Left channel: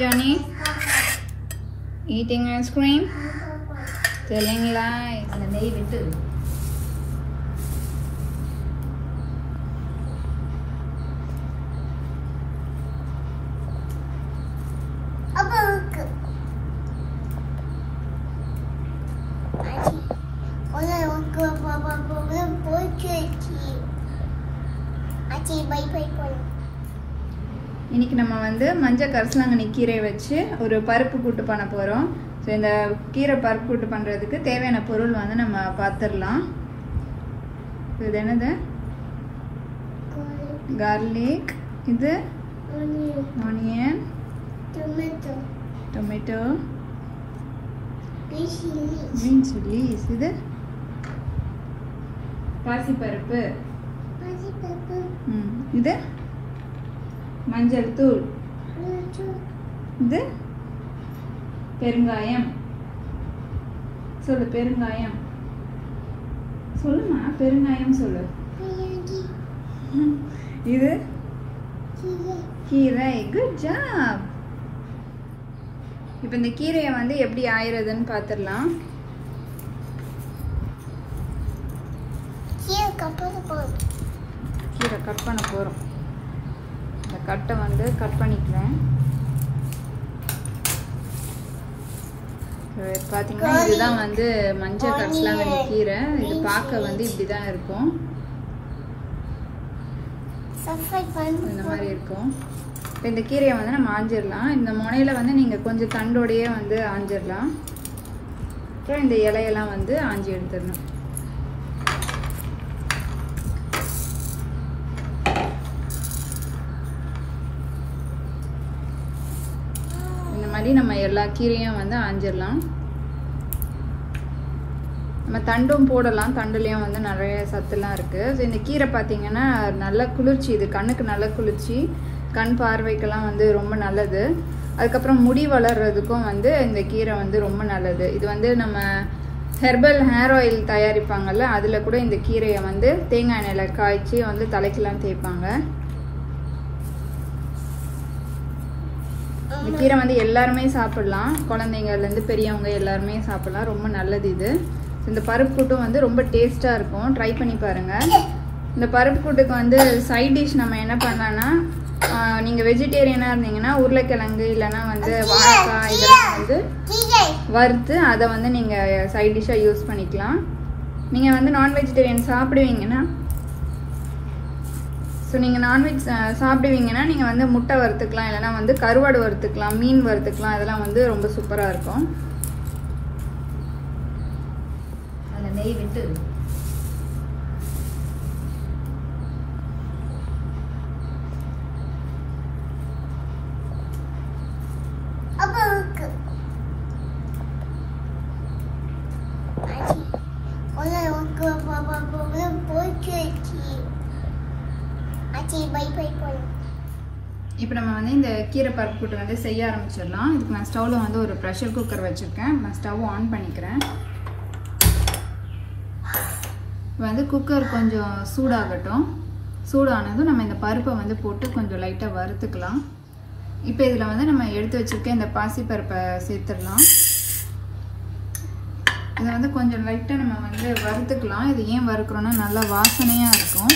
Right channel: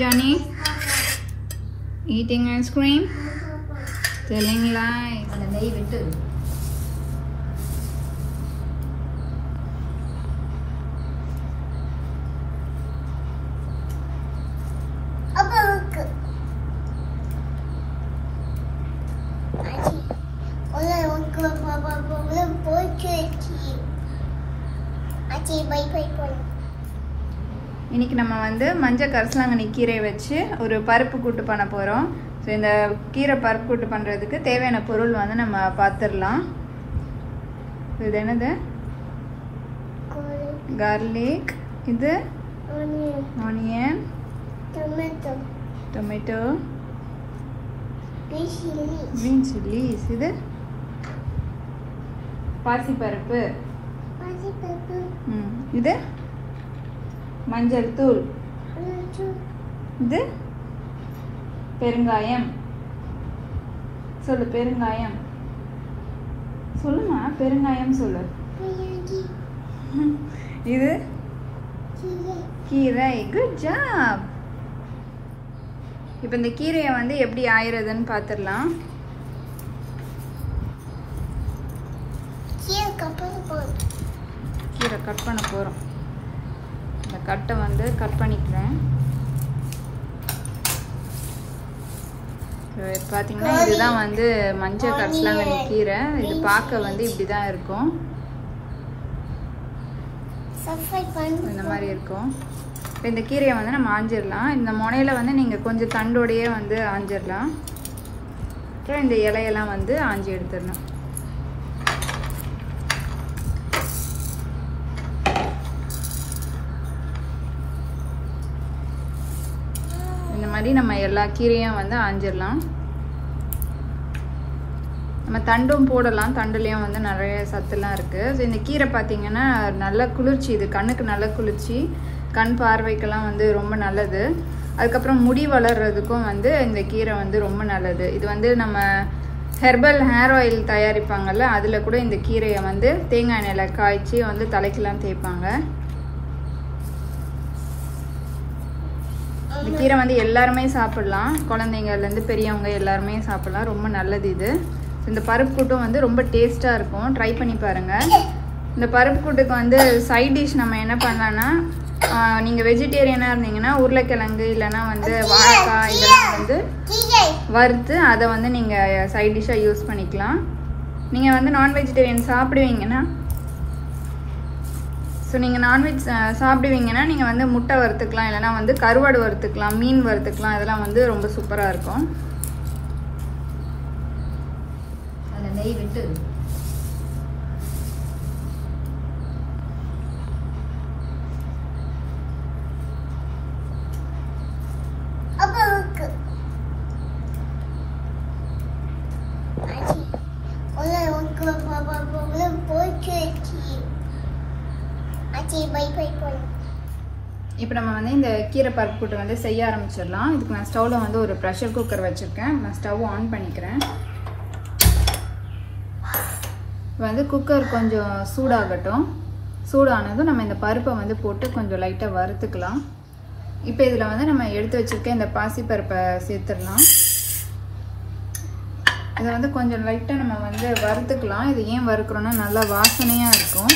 Johnny eating ice cream, telling lies. இன்னைக்கு நம்ம வந்து மஞ்சள் கரிசலாங்கண்ணி கீரை வச்சு ஒரு பருப்பு கூட்டு பண்ண போறோம். சோ இந்த கீரை பருப்பு கூட்டு பண்றதுக்கு தேவையான பொருள் வந்து நம்ம பார்த்துடலாம். இது என்னது? garlic, இது onion, tomato, green chilies, இது பாசி பருப்பு, இது மஞ்சள் தூள், இது பெருங்காயம். சொல்லு பெருங்காயம். சொல்லுமா பெருங்காயம் சொல்லு. இது கீரை. Good job. இப்போ இந்த கீரையை வந்து எப்படி ஆயிரதுன்னு பார்த்துடலாம். கீரை கட் பண்ண போறோம். கட்டை வந்து கட் பண்ணிக்கிறேன். பார்த்தீங்கன்னா இதுதான் வந்து மஞ்சள் கரிசலாங்கண்ணி கீரை. இது பார்க்க வந்து இப்படிதான் இருக்கும். இந்த மாதிரி இருக்கும். இந்த கீரையை வந்து நம்ம ஆஞ்சிடலாம். இந்த முனையில வந்து நீங்க கொஞ்சம் தண்டோடையே வந்து ஆஞ்சிடலாம். இந்த இலையெல்லாம் வந்து ஆஞ்சி எடுத்துடலாம். இந்த மாதிரி நம்ம எல்லா கீரையும் வந்து ஆஞ்சிடலாம். நம்ம தண்டும் போடலாம். தண்டுலயும் வந்து நிறைய சத்துலாம் இருக்கு. இந்த கீரை பார்த்தீங்கன்னா நல்ல குளிர்ச்சி. இது கண்ணுக்கு நல்ல குளிர்ச்சி, கண் பார்வைக்கெல்லாம் வந்து ரொம்ப நல்லது. அதுக்கப்புறம் முடி வளர்றதுக்கும் வந்து இந்த கீரை வந்து ரொம்ப நல்லது. இது வந்து நம்ம ஹெர்பல் ஹேர் ஆயில் தயாரிப்பாங்கல்ல, அதுல கூட இந்த கீரையை வந்து தேங்காய் எண்ணெயில காய்ச்சி வந்து தலைக்கெல்லாம் தேய்ப்பாங்க. இந்த கீரை வந்து எல்லாருமே சாப்பிடலாம். குழந்தைங்கள்ல இருந்து பெரியவங்க எல்லாருமே சாப்பிடலாம். ரொம்ப நல்லது இது. இந்த பருப்பு கூட்டும் வந்து ரொம்ப டேஸ்டா இருக்கும். ட்ரை பண்ணி பாருங்க. இந்த பருப்பு கூட்டுக்கு வந்து சைட் டிஷ் நம்ம என்ன பண்ணலாம்னா, நீங்க வெஜிடேரியனா இருந்தீங்கன்னா உருளைக்கிழங்கு இல்லைன்னா வந்து வாழைக்காய் இதெல்லாம் வந்து வறுத்து அதை வந்து நீங்க சைட் டிஷ்ஷா யூஸ் பண்ணிக்கலாம். நீங்க வந்து நான் வெஜிடேரியன் சாப்பிடுவீங்கன்னா, நீங்க நான்வெஜ் சாப்பிடுவீங்கன்னா நீங்க வந்து முட்டை வறுத்துக்கலாம், இல்லைன்னா வந்து கருவாடு வறுத்துக்கலாம், மீன் வறுத்துக்கலாம். இதெல்லாம் வந்து ரொம்ப சூப்பரா இருக்கும். நெய் விட்டு இப்போ நம்ம வந்து இந்த கீரை பருப்பு கூட்டு வந்து செய்ய ஆரம்பிச்சிடலாம். இதுக்கு நான் ஸ்டவ்ல வந்து ஒரு ப்ரெஷர் குக்கர் வச்சிருக்கேன். நான் ஸ்டவ் ஆன் பண்ணிக்கிறேன். வந்து குக்கர் கொஞ்சம் சூடாகட்டும். சூடானதும் நம்ம இந்த பருப்பை வந்து போட்டு கொஞ்சம் லைட்டாக வறுத்துக்கலாம். இப்போ இதில் வந்து நம்ம எடுத்து வச்சிருக்க இந்த பாசி பருப்பை சேர்த்துடலாம். இதை வந்து கொஞ்சம் லைட்டாக நம்ம வந்து வறுத்துக்கலாம். இது ஏன் வறுக்கிறோன்னா நல்லா வாசனையாக இருக்கும்.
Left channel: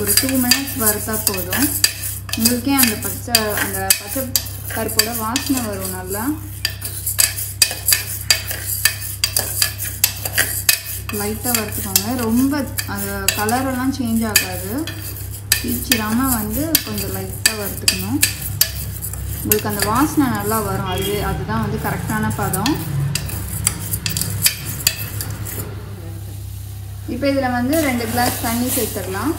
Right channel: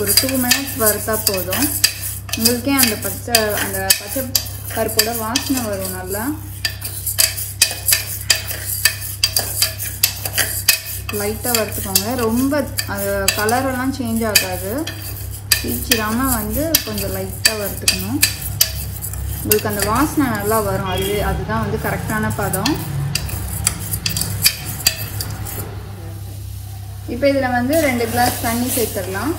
ஒரு 2 minutes வறுத்தா போதும். உங்களுக்கே அந்த பச்சை பருப்போட வாசனை வரும் நல்லா. லைட்டாக வறுத்துக்கோங்க. ரொம்ப அது கலரெல்லாம் சேஞ்ச் ஆகாது. தீச்சிடாமல் வந்து கொஞ்சம் லைட்டாக வறுத்துக்கணும். உங்களுக்கு அந்த வாசனை நல்லா வரும். அதுதான் வந்து கரெக்டான பதம். இப்போ இதில் வந்து 2 கிளாஸ் தண்ணி சேர்த்துடலாம்.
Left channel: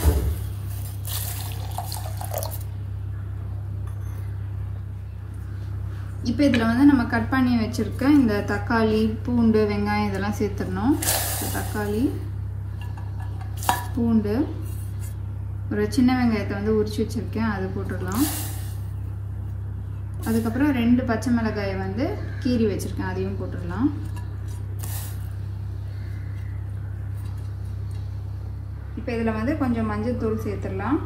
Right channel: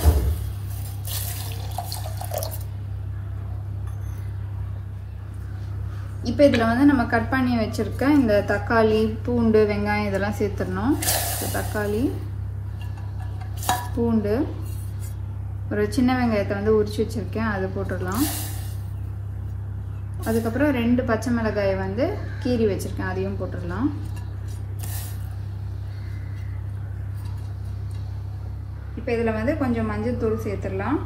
இப்போ இதில் வந்து நம்ம கட் பண்ணி வச்சுருக்க இந்த தக்காளி, பூண்டு, வெங்காயம் இதெல்லாம் சேர்த்துடணும். தக்காளி, பூண்டு, ஒரு சின்ன வெங்காயத்தை வந்து உரிச்சு வச்சுருக்கேன், அதை போட்டுடலாம். அதுக்கப்புறம் 2 பச்சை மிளகாயை வந்து கீறி வச்சுருக்கேன், அதையும் போட்டுடலாம். இப்போ இதில் வந்து கொஞ்சம் மஞ்சள் தூள் சேர்த்துடலாம்.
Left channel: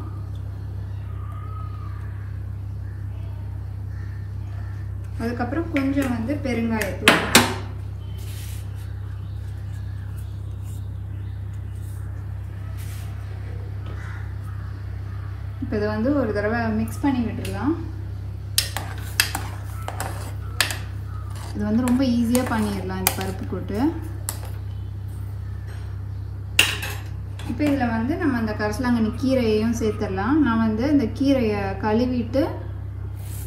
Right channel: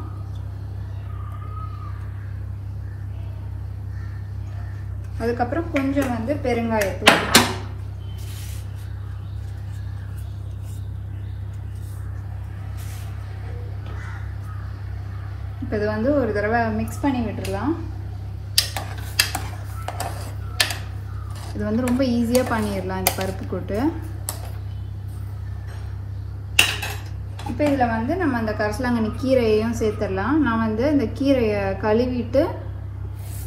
அதுக்கப்புறம் கொஞ்சம் வந்து பெருங்காயத்தூள். இப்போ இது வந்து ஒரு தடவை மிக்ஸ் பண்ணி விட்டுடலாம். இது வந்து ரொம்ப ஈஸியாக பண்ணிடலாம் இந்த பருப்பு கூட்டு. இப்போ இதில் வந்து நம்ம அந்த கரிசலாங்கண்ணி கீரையையும் சேர்த்துடலாம். நான் வந்து இந்த கீரையை கழுவிட்டு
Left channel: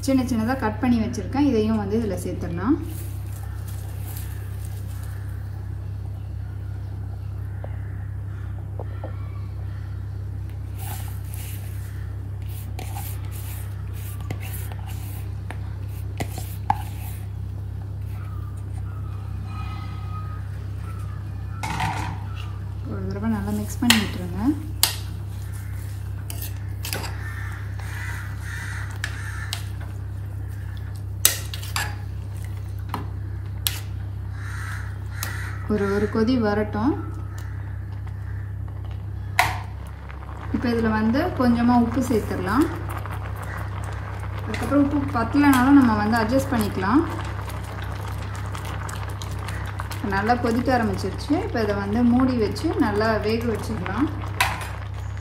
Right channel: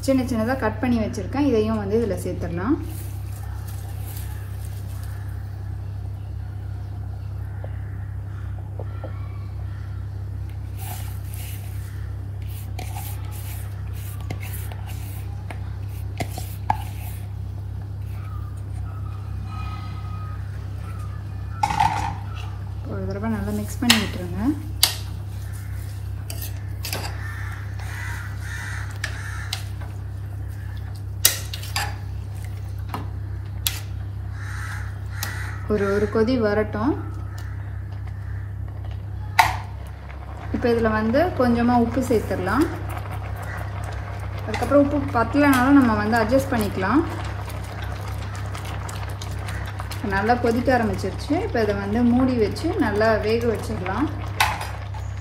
சின்ன சின்னதாக கட் பண்ணி வச்சுருக்கேன். இதையும் வந்து இதில் சேர்த்துடலாம். ஒரு தடவை நல்லா மிக்ஸ் பண்ணி விட்டுருங்க. ஒரு கொதி வரட்டும். இப்போ இதில் வந்து கொஞ்சமாக உப்பு சேர்த்துடலாம். அதுக்கப்புறம் உப்பு பத்தலைனாலும் நம்ம வந்து அட்ஜஸ்ட் பண்ணிக்கலாம். நல்லா கொதிக்க ஆரம்பிச்சிருச்சு. இப்போ இதை வந்து மூடி வச்சு நல்லா வேக வச்சிடலாம்.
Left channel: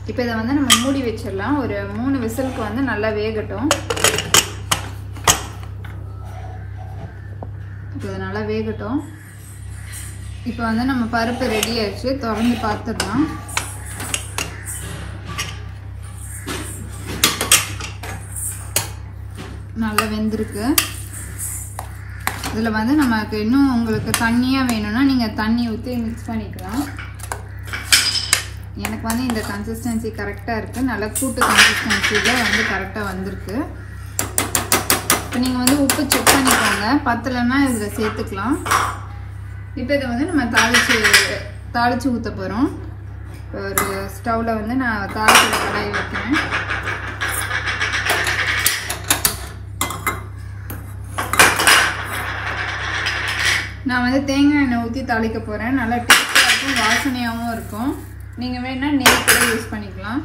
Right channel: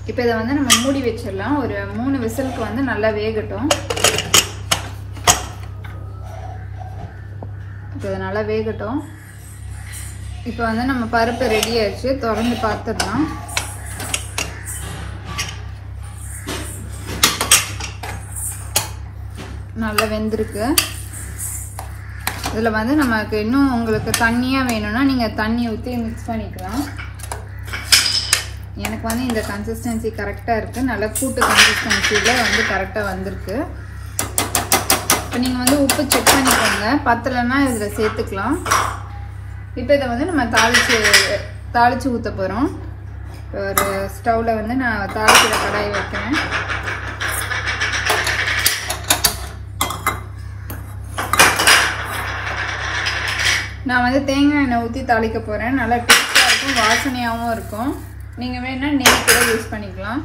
இப்போ இதை வந்து நம்ம மூடி வச்சிடலாம். ஒரு 3 விசிலுக்கு வந்து நல்லா வேகட்டும். இப்போ இதை நல்லா வேகட்டும். இப்போ வந்து நம்ம பருப்பு ரெடி ஆயிடுச்சு. திறந்து பார்த்துடலாம். நல்லா வெந்திருக்கு. இதில் வந்து நமக்கு இன்னும் உங்களுக்கு தண்ணியாக வேணும்னா நீங்கள் தண்ணி ஊற்றி மிக்ஸ் பண்ணிக்கலாம். எனக்கு வந்து இந்த கன்சிஸ்டன்சி கரெக்டாக இருக்குது. நல்லா கூட்டு கன்சிஸ்டன்சியில் வந்து கரெக்டாக வந்திருக்கு. இப்போ நீங்கள் வந்து உப்பு செக் பண்ணிக்கோங்க. பத்தலைன்னா இதில் சேர்த்துக்கலாம். இப்போ இதை வந்து நம்ம தாளித்து ஊற்ற போகிறோம். ஒரு ஸ்டவ்வில் வந்து நான் தாளிக்கிற கடாயை வைக்கிறேன். நான் வந்து தேங்காய் எண்ணெய் ஊற்றி தாளிக்க போகிறேன். நல்லா டேஸ்ட்டாக இருக்கும், வாசனையாகவும் இருக்கும். நீங்கள் வேணால் நெய் கூட யூஸ் பண்ணிக்கலாம்.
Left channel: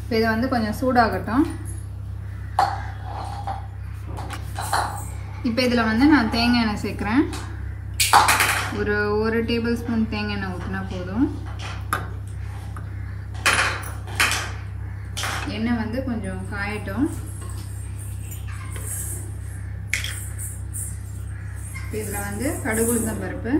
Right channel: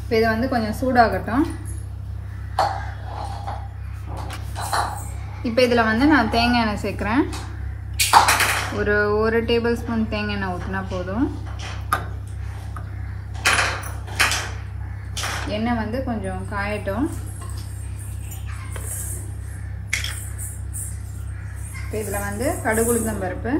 இப்போ இதை வந்து கொஞ்சம் சூடாகட்டும். இப்போ இதில் வந்து நான் தேங்காய் எண்ணெய் சேர்க்குறேன். ஒரு டேபிள் ஸ்பூன் தேங்காய் எண்ணெய் ஊற்றினா போதும். எண்ணெய் வந்து கொஞ்சம் காயட்டும். இப்போ இதில் வந்து கடுகு உளுந்தம் பருப்பு,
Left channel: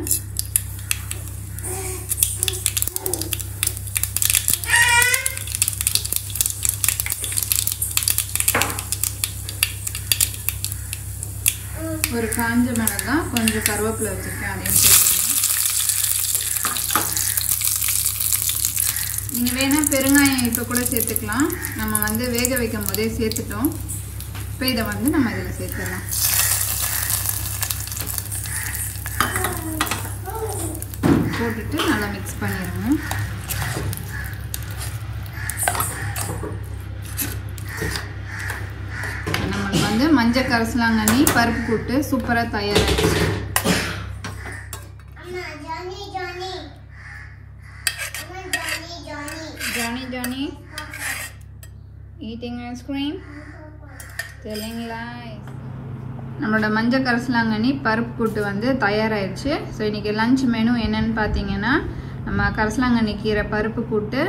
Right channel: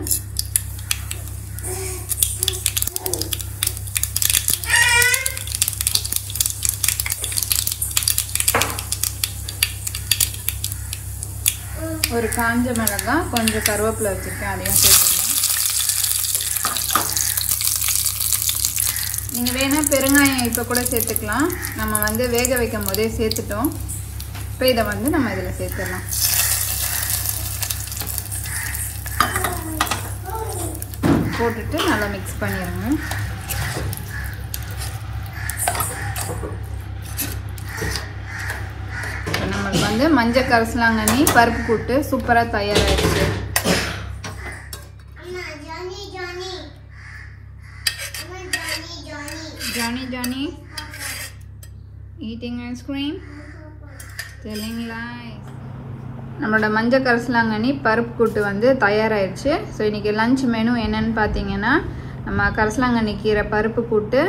ஒரு காஞ்ச மிளகாய், கொஞ்சம் கருவேப்பிலை வச்சுருக்கேன், அதையும் சேர்த்துக்கலாம். நீங்கள் வேணால் பெருங்காயம் இப்போ கூட சேர்த்துக்கலாம். நம்ம வந்து வேக வைக்கும் போதே சேர்த்துட்டோம். இப்போ இதை வந்து நம்ம இதில் சேர்த்துடலாம். போட்டுட்டு நல்லா மிக்ஸ் பண்ணிடுங்க. நம்மளுக்கு வந்து மஞ்சள் கரிசலாங்கண்ணி பருப்பு கூட்டு சூப்பராக தயாராகிடுச்சு. Johnny eating ice cream, telling lies. நம்மளோட மஞ்சள் கரிசலாங்கண்ணி பருப்பு கூட்டு வந்து தயாராகிடுச்சு. ஸோ இன்றைக்கி லஞ்ச் மெனு என்னன்னு பார்த்தீங்கன்னா, நம்ம கரிசலாங்கண்ணி கீரை பருப்பு கூட்டு,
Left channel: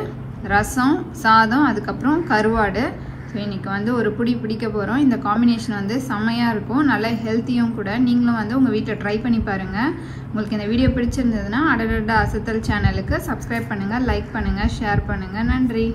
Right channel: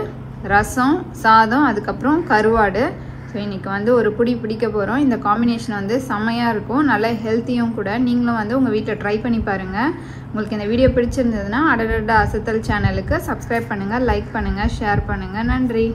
ரசம், சாதம், அதுக்கப்புறம் கருவாடு. ஸோ இன்றைக்கி வந்து ஒரு புடி பிடிக்க போகிறோம். இந்த காம்பினேஷன் வந்து செம்மையாக இருக்கும், நல்ல ஹெல்த்தியும் கூட. நீங்களும் வந்து உங்கள் வீட்டில் ட்ரை பண்ணி பாருங்கள். உங்களுக்கு இந்த வீடியோ பிடிச்சிருந்ததுன்னா அடடா அசத்தல் சேனலுக்கு சப்ஸ்கிரைப் பண்ணுங்கள், லைக் பண்ணுங்கள், ஷேர் பண்ணுங்கள். நன்றி.